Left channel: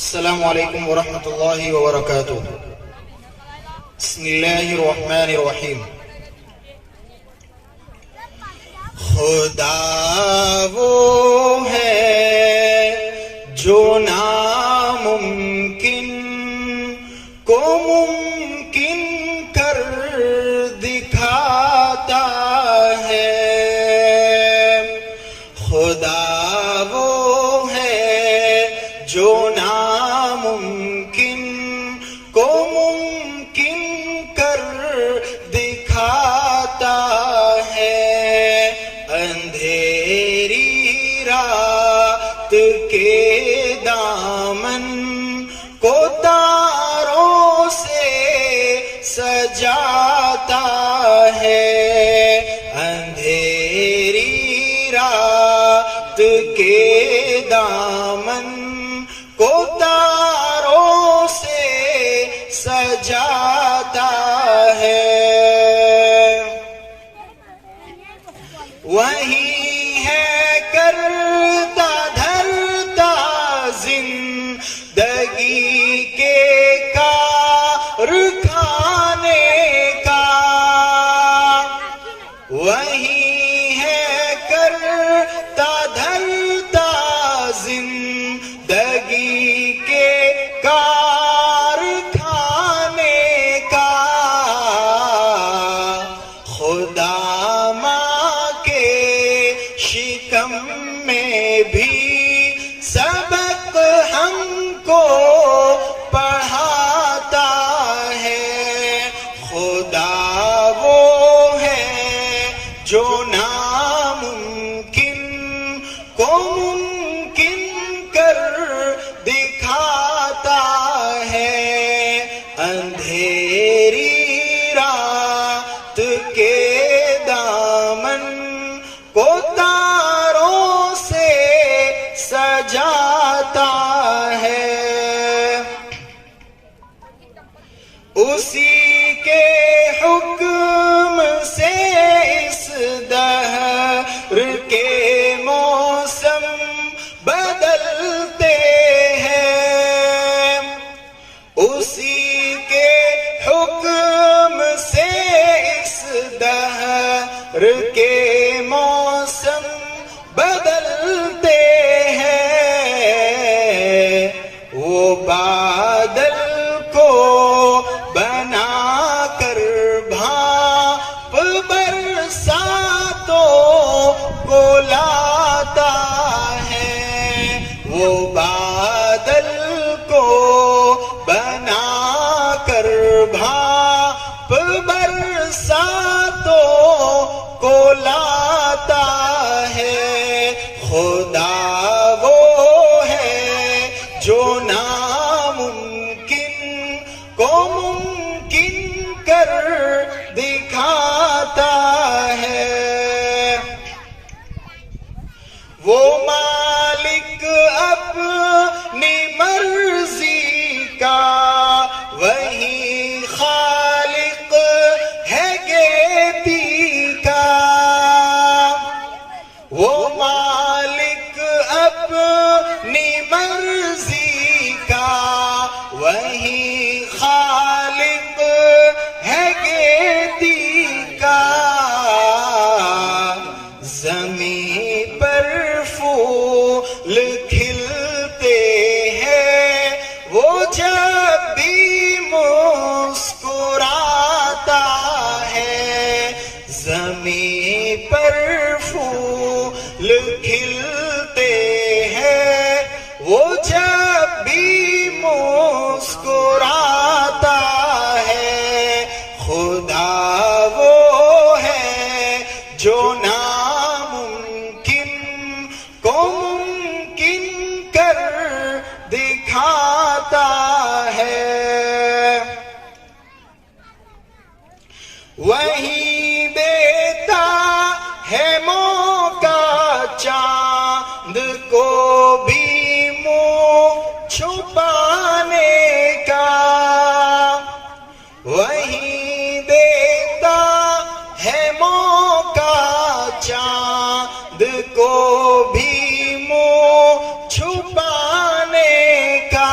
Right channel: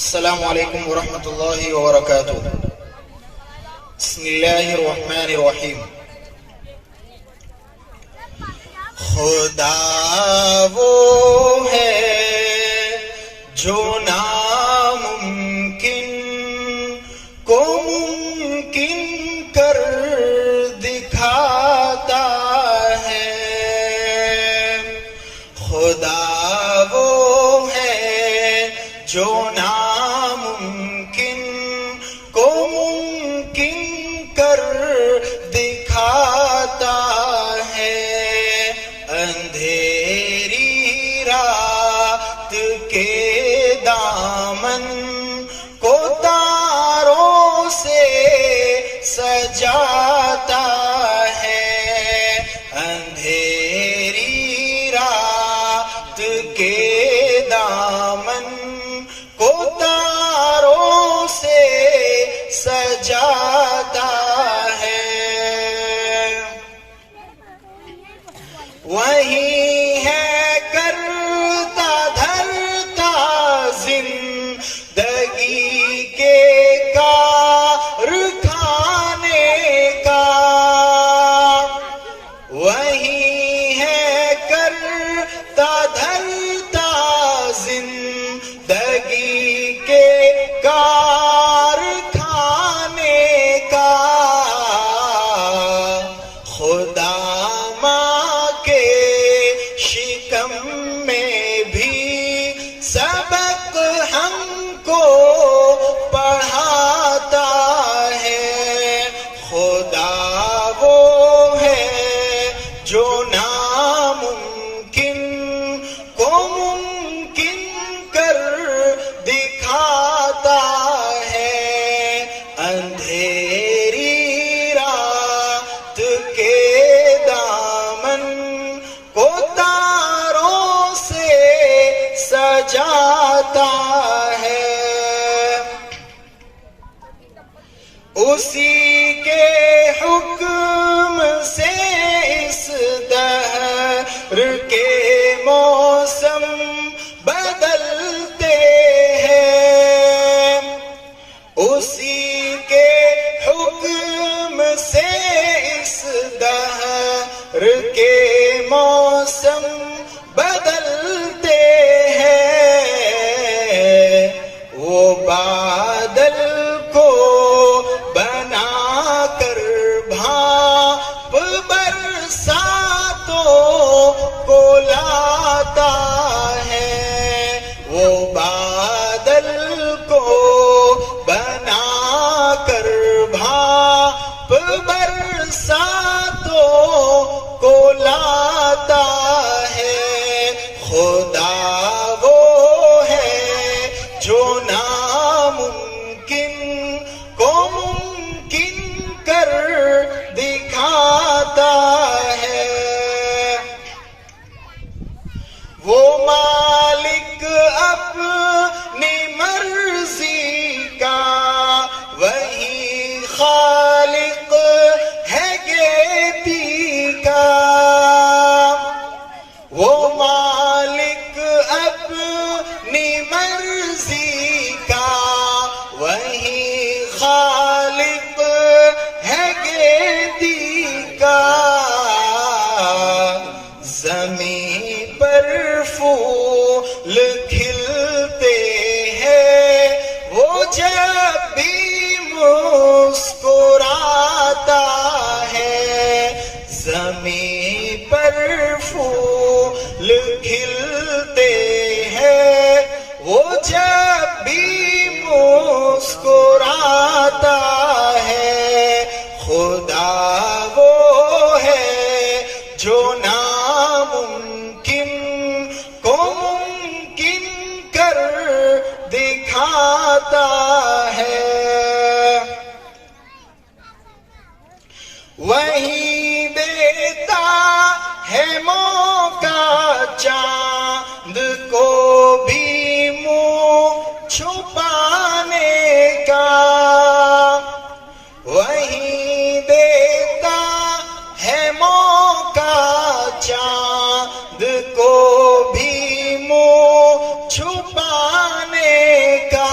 السلام علیکم ورحمۃ اللہ وبرکاتہ۔ بسم اللہ الرحمن الرحیم۔ خدا وہ ہے جو ناممکن کو ممکن کر دکھاتا ہے۔ خدا وہ ہے جو ناممکن کو ممکن کر دکھاتا ہے۔ اندھیری رات کے دامن کو تاروں سے سجاتا ہے۔ اندھیری رات کے دامن کو تاروں سے سجاتا ہے۔ وہی ہے کرتا دھرتا زندگی کے کارخانے کا۔ وہی ہے کرتا دھرتا زندگی کے کارخانے کا۔ خدا شکم میں بھی سبق ہم کو پڑھاتا ہے۔ خدا وہ ہے جو ناممکن کو ممکن کر دکھاتا ہے۔ اندھیری رات کے دامن کو تاروں سے سجاتا ہے۔ اسی کے حکم سے اس دہر کے موسم بدلتے ہیں۔ اسی کے حکم سے اس دہر کے موسم بدلتے ہیں۔ وہ بادل کو بنا کر بھاپ برساتوں کو لاتا ہے۔ وہ بادل کو بنا کر بھاپ برساتوں کو لاتا ہے۔ خدا وہ ہے جو ناممکن کو ممکن کر دکھاتا ہے۔ وہ مالک اپنی مرضی کا، وہی خالق ہے گیتی کا۔ وہ مالک اپنی مرضی کا، وہی خالق ہے گیتی کا۔ زمین پر پھول کھلتے ہیں وہ جب بھی مسکراتا ہے۔ زمین پر پھول کھلتے ہیں وہ جب بھی مسکراتا ہے۔ خدا وہ ہے جو ناممکن کو ممکن کر دکھاتا ہے۔ وہی دیتا ہے موقع چاند کو بھی منہ چھپانے کا۔ وہی دیتا ہے موقع چاند کو بھی منہ چھپانے کا۔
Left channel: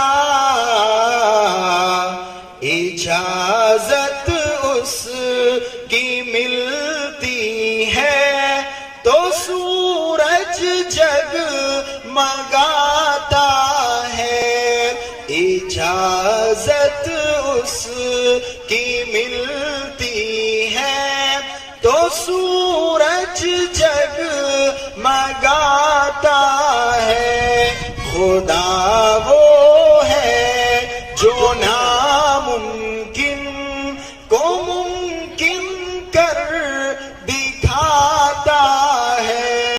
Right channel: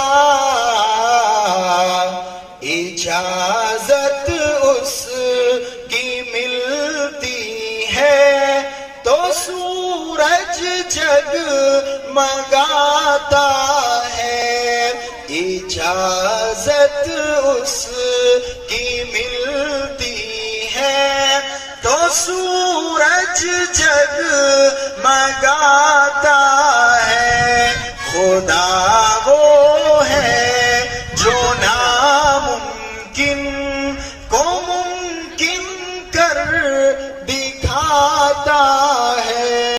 جگ